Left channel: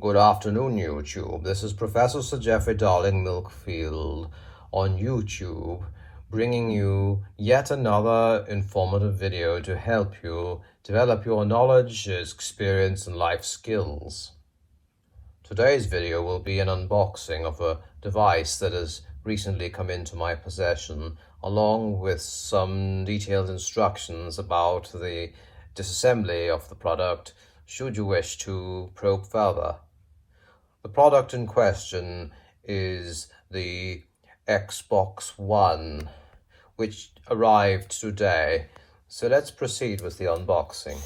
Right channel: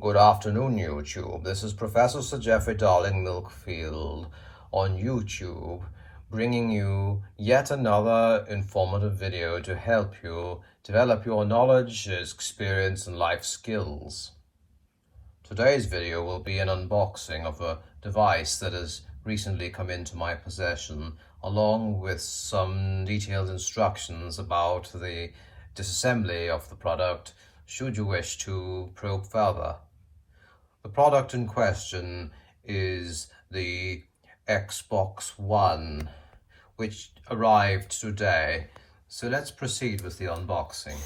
Good afternoon, YouTube. This is Professor Sir Jeffrey Darling-Milkfield on YouTube, bringing you yet another informative video to help you develop your knowledge, experience, and life skills. Today's video will be an unboxing of a device that has recently come into my possession, along with some detailed instructions about the disassembly of the product, should you wish to probe further. The product in question is the Xbox One, which arrived today. So let's proceed with the unboxing.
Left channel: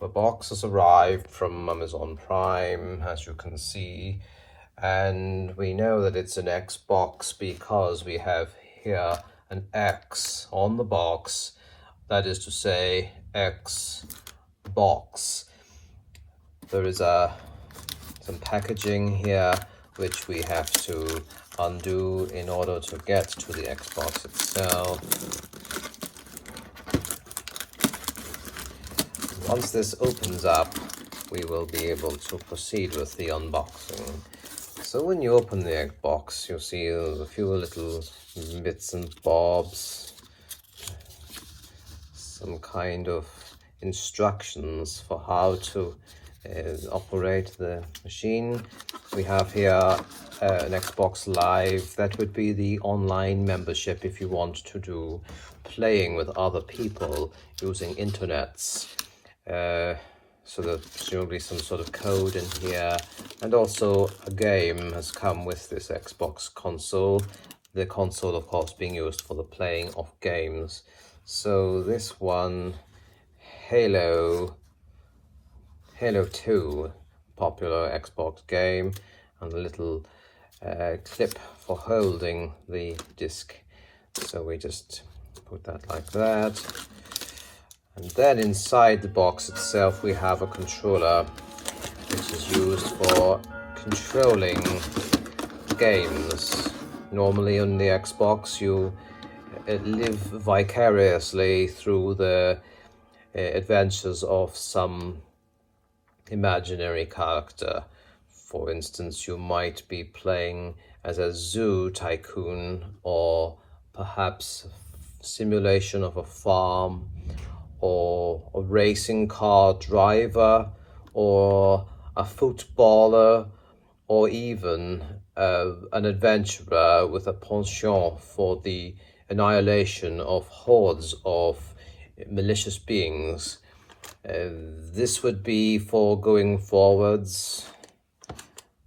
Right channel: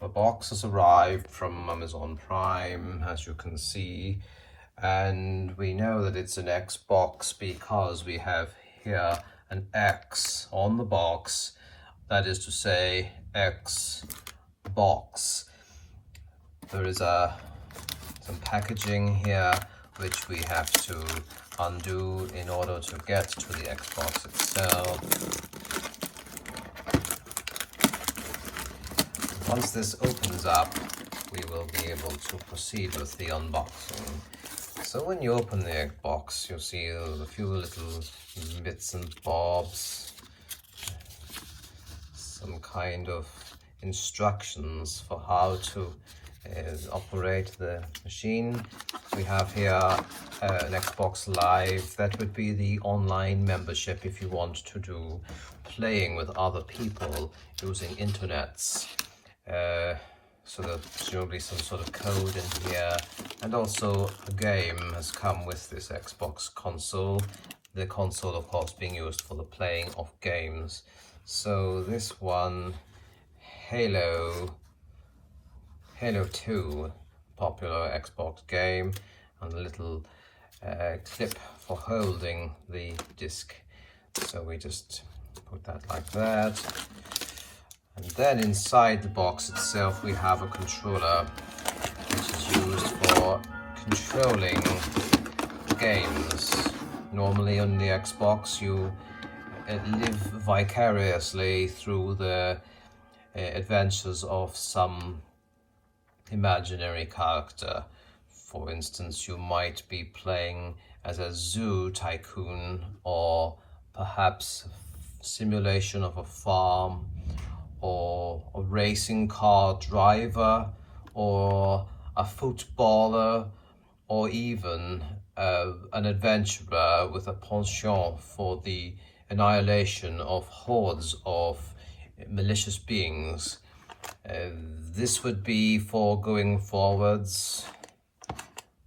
The box has arrived from Amazon Prime, as you can see, and we know that it's an Xbox because we have here an X on the box, that is to say Xbox. There is some packaging here which we have to undo in order to get to the Xbox itself. Once this opens up, we will be able to proceed with the unboxing. So when you open the Xbox, you'll see there's a few little bits and bobs, some kind of instructions for how to operate the machine. We have here an Xbox Live. That would be the online membership if you want to do playing with other people using internets. So there's presumably some sort of code in here, and also a game has come with this Xbox console. The console, of course, being used for the playing of games. So this one, Halo 2, popular Xbox game, and a little clip for holding the disc. So we just put that like that. And then inside the box itself we have a controller which is used for controlling games. Normally on the Xbox you live vicariously through the adventures of some imaginary character. For instance, you might be playing as a zoo tycoon, or perhaps a simulation of a farm, or a racing car driver, or a footballer, or even an adventurer with a penchant for the annihilation of hordes of malicious beings. This would be for going forwards,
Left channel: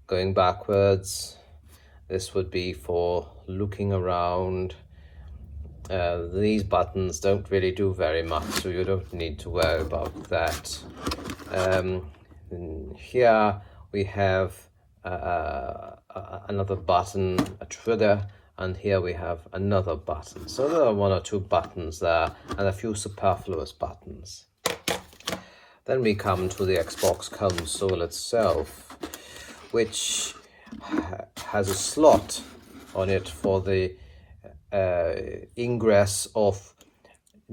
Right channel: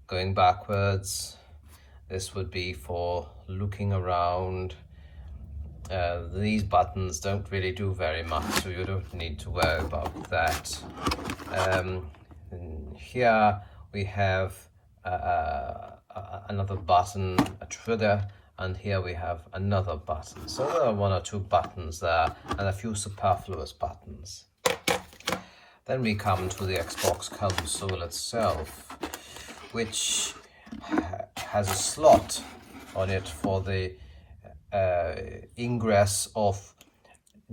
going backwards. This would be for looking around. These buttons don't really do very much, so you don't need to worry about that. Here we have another button, a trigger, and here we have another button. So there are one or two buttons there and a few superfluous buttons. Then we come to the Xbox console itself, which has a slot on it for the ingress of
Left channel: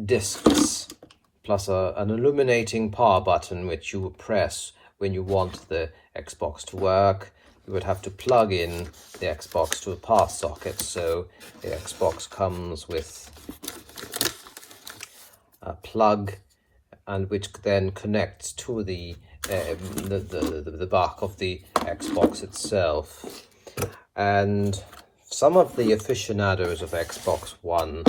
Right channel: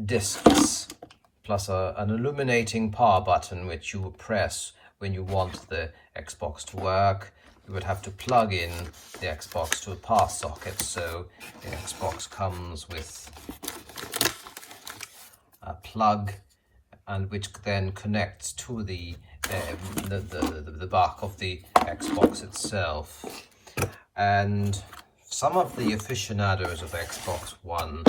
discs, plus an illuminating power button which you press when you want the Xbox to work. You would have to plug in the Xbox to a power socket, so the Xbox comes with a plug, and which then connects to the back of the Xbox itself. And some of the aficionados of Xbox One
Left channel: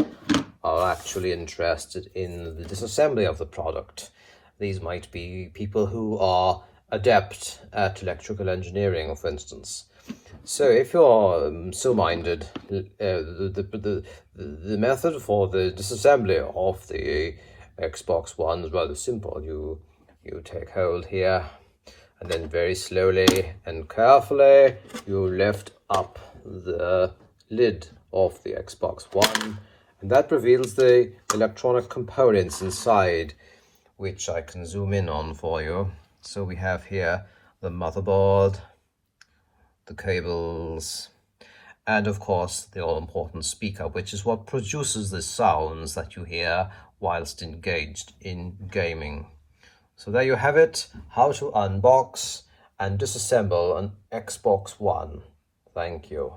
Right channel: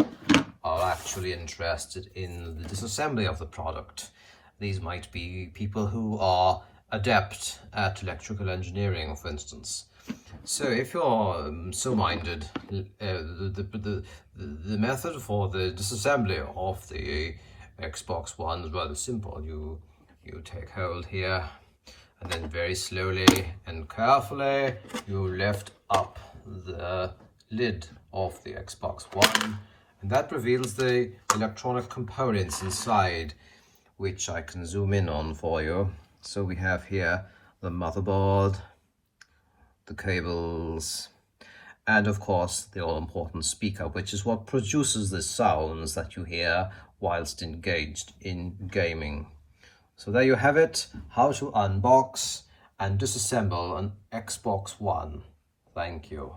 are actually interested in the disassembly of the product. These might be people who are adept at electrical engineering, for instance. So if you're so minded, the method for the disassembly of the Xbox One is rather simple. You take hold here, and then very slowly and carefully you lift up the lid of the Xbox One, and that reveals the electronic components inside, which I can zoom in on for you. So we have here the motherboard, the cables, and of course the all-important speaker, which is what produces the sounds that you hear whilst engaged in gaming. So there you have it, how to unbox and disassemble an Xbox One. Thank you.